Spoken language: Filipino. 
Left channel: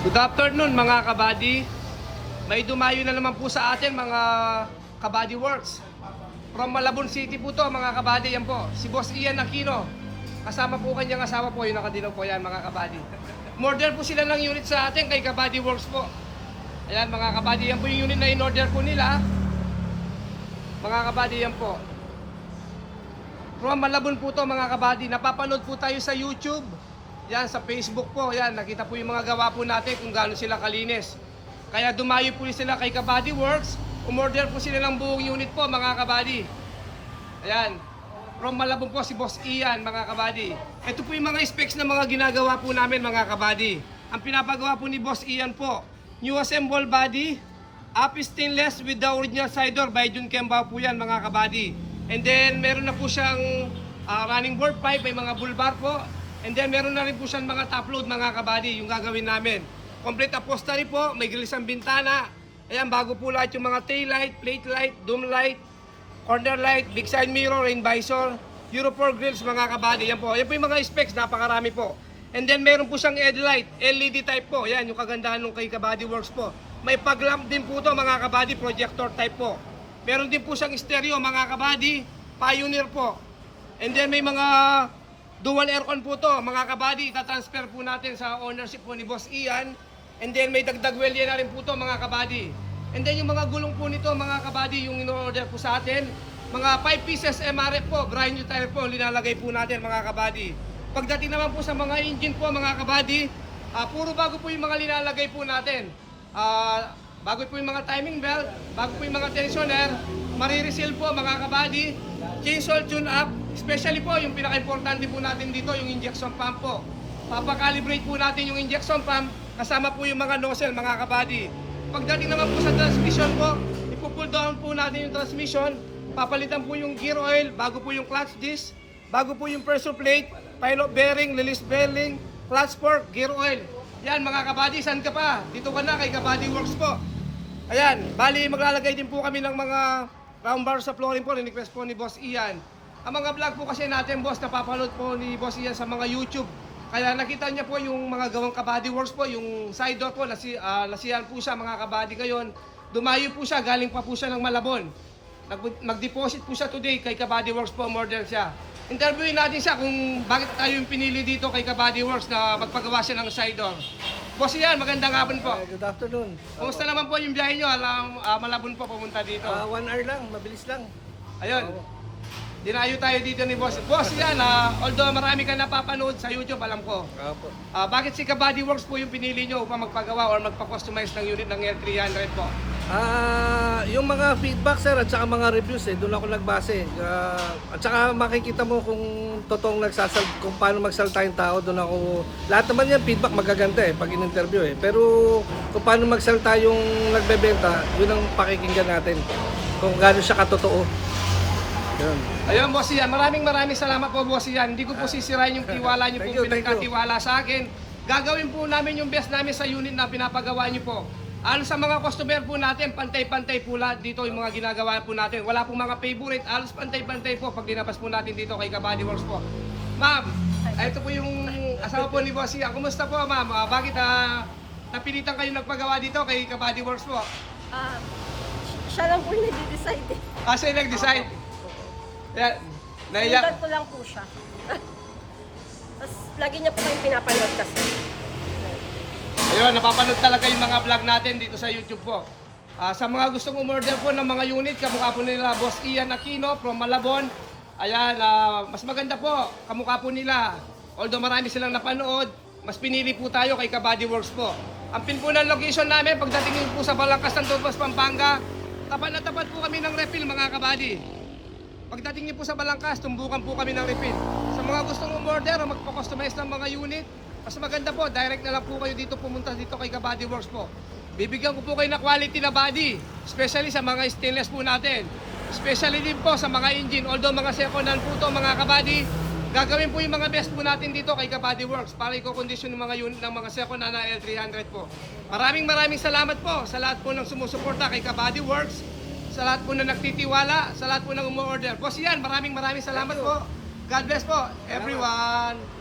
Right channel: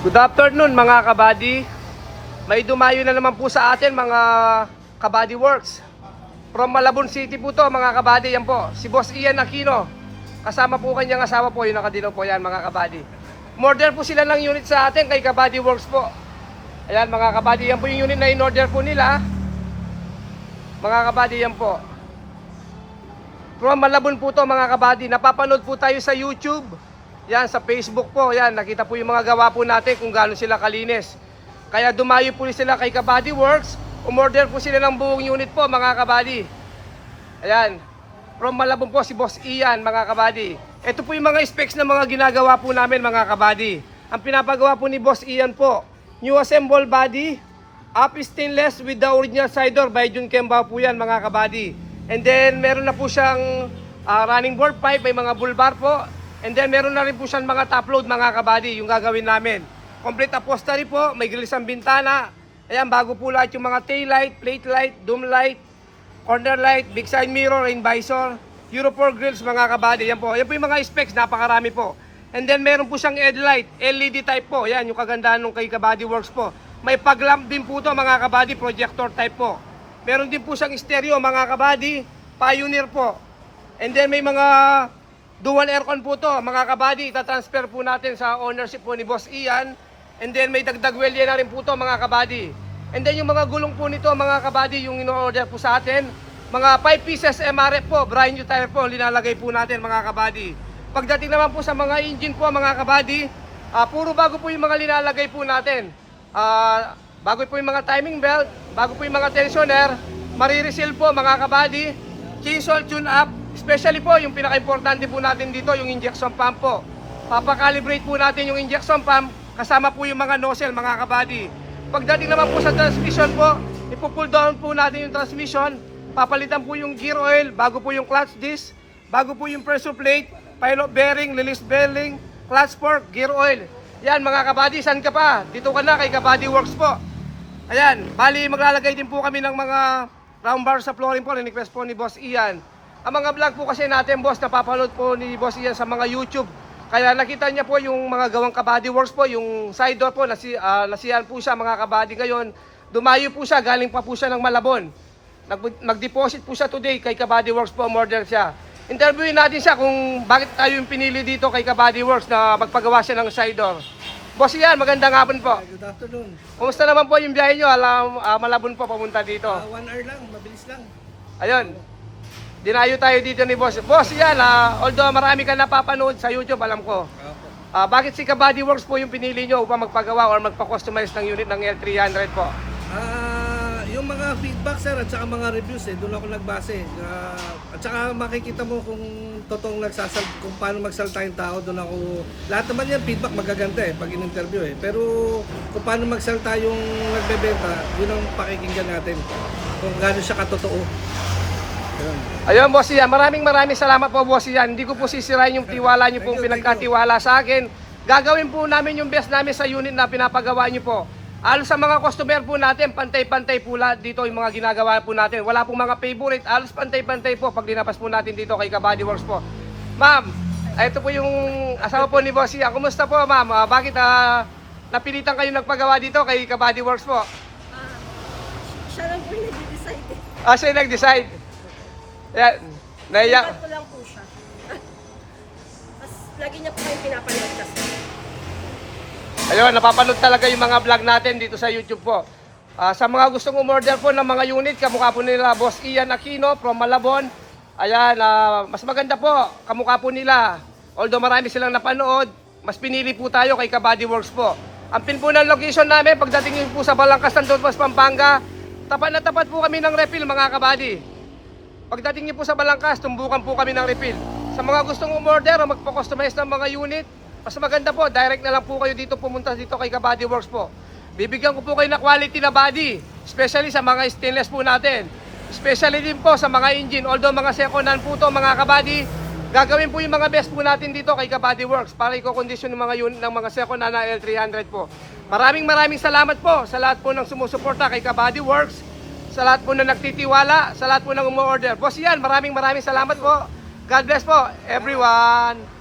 Good afternoon mga kabady. May dumayo na naman po sa atin mga kabady works. From Malabon City po to mga kabady. Yan po, si Boss Ian Aquino. Kasama po kanyang asawa po, yung nakadilaw po yan mga kabady. Order po sila ng unit sa atin kay Kabady Works po. Ayan mga kabady, yan po yung unit na in-order po nila. Mga kabady, yan po. From Malabon po to mga kabady. Napapanood po tayo sa YouTube. Yan, sa Facebook po, yan, nakita po yung mga gawa po natin kung gaano sila kalinis. Kaya dumayo po sila kay Kabady Works, umorder po sila ng buong unit po mga kabady. Ayan, from Malabon po si Boss Ian mga kabady. Ito po yung mga specs na mga ginagawa po namin mga kabady. Ang pinapagawa po ni Boss Ian po, new assemble body, up stainless with the original side door by Jun Kemba po yan mga kabady. And then meron na po siyang running board pipe, may mga bull bar po. And then meron na rin po siyang mga top load mga kabady, yung gagawin namin. Complete upholstery po, may grills ang bintana. Ayan, bago po lahat yung mga tail light, plate light, dome light, corner light, big side mirror, rain visor, Euro 4 grills mga kabady. Yan po yung mga specs, napakarami po. And then meron po siyang headlight, LED type po. Yan, yung kagandahan ng kay Kabady Works po. May pag-lamp din po to mga kabady, projector type po. Meron din po siyang stereo mga kabady, Pioneer po. And then may mga dual aircon po to mga kabady, itatransfer po natin sa ownership po ni Boss Ian. And then may dagdag welya na rin po to mga kabady. And then yung mga gulong po nito mga kabady, yung in-order po sa atin, mga 5 pieces MRF po, brand new tire po, linalagay po natin mga kabady. Pagdating naman po sa mga engine po mga kabady, puro bago po yung mga linalagay po natin. Bago po yung mga timing belt, bago po yung mga tensioner, marireseal po mga kabady, chainsaw tune up. Especially po, yung pinaka-importante po natin dito, yung injection pump po. Papakalibrate po natin yung injection pump, kasama po yung mga nozzle, mga kabady. Pagdating naman po sa transmission po, ipo-pull down po natin yung transmission, papalitan po yung gear oil, bago po yung clutch disc, bago po yung pressure plate, pilot bearing, release bearing, clutch fork, gear oil. Yan mga kabady, saan ka pa? Dito ka na kay Kabady Works po. Ayan, bali maglalagay din po kami ng mga round bar sa flooring po, request po ni Boss Ian. Ang mga vlog po kasi natin, boss, napapanood po ni Boss Ian sa mga YouTube. Kaya nakita niya po yung mga gawang Kabady Works po, yung side door po, nasiyahan po siya mga kabady ngayon. Dumayo po siya, galing pa po siya ng Malabon. Nag-deposit po siya today kay Kabady Works po, order siya. Interviewin natin siya kung bakit tayo yung pinili dito kay Kabady Works na magpagawa siya ng side door. Boss Ian, magandang hapon po. Good afternoon. Kumusta naman po yung biyahe nyo? Malabon po papunta dito. 1 hour lang, mabilis lang. Ayun. Dinayo tayo dito ni Boss. Boss, yan, although marami ka napapanood sa YouTube, alam ko. Opo. Bakit si Kabady Works po yung pinili nyo upang magpagawa or magpa-customize ng unit ng L300 po? Yung mga feedback sir at saka mga reviews doon ako nagbase. At saka makikita mo kung totoong kung paano magsalita yung tao, doon ako. Lahat naman yan feedback magaganda pag in-interview Pero kung paano magsalita yung nagbebenta, yun ang pakikinggan natin. Kung gaano siya katotoo. Ayun, Boss Ian, maraming salamat po, Boss Ian. Hindi ko po sisirain yung tiwala niyo pong pinagkatiwala sa akin. Gagawin po namin yung best namin sa unit na pinapagawa niyo po. Alos sa mga customer po natin, pantay-pantay po lahat dito yung mga ginagawa po natin. Wala pong mga favorite, alos pantay-pantay po pag dinapas po natin dito kay Kabady Works po. Ma'am, ito po yung asawa po ni Boss Ian. Kumusta po, ma'am? Bakit napilitan kayo nagpagawa dito kay Kabady Works po? Siya lang po yung nag-decide. Siya yung nag-decide. Yan, Naiyak ko lang po siya. Tapos lagi niya po kayong pinapanood kasi. Ayun, napapanood talaga yung mga vlog natin dito sa YouTube po. Sa mga gustong umorder po ng mga unit, kamukha po nila Boss Ian Aquino from Malabon. Ayan, mas maganda po, kamukha po nila. Although marami silang napanood, mas pinili po tayo kay Kabady Works po. Ang pin po ng location namin, pagdating yun po sa Balangkas, Santo Tomas, Pampanga, tapat na tapat po kami ng refill mga kabady. Pagdating niyo po sa Balangkas, tumbukan po kami ng refill. Sa mga gustong umorder o magpa-customize ng mga unit, mas maganda po, direct na lang po kayo dito pumunta dito kay Kabady Works po. Bibigyan ko po kayo na quality na body, especially sa mga stainless po natin. Especially din po sa mga engine, although mga second hand po to mga kabady, gagawin po yung mga best po natin dito kay Kabady Works para i-condition ng mga unit ng mga second hand na L300 po. Maraming salamat po sa lahat po ng sumusuporta kay Kabady Works. Sa lahat po na nagtitiwala, sa lahat po na umu-order. Boss Ian, maraming salamat po. God bless po, everyone.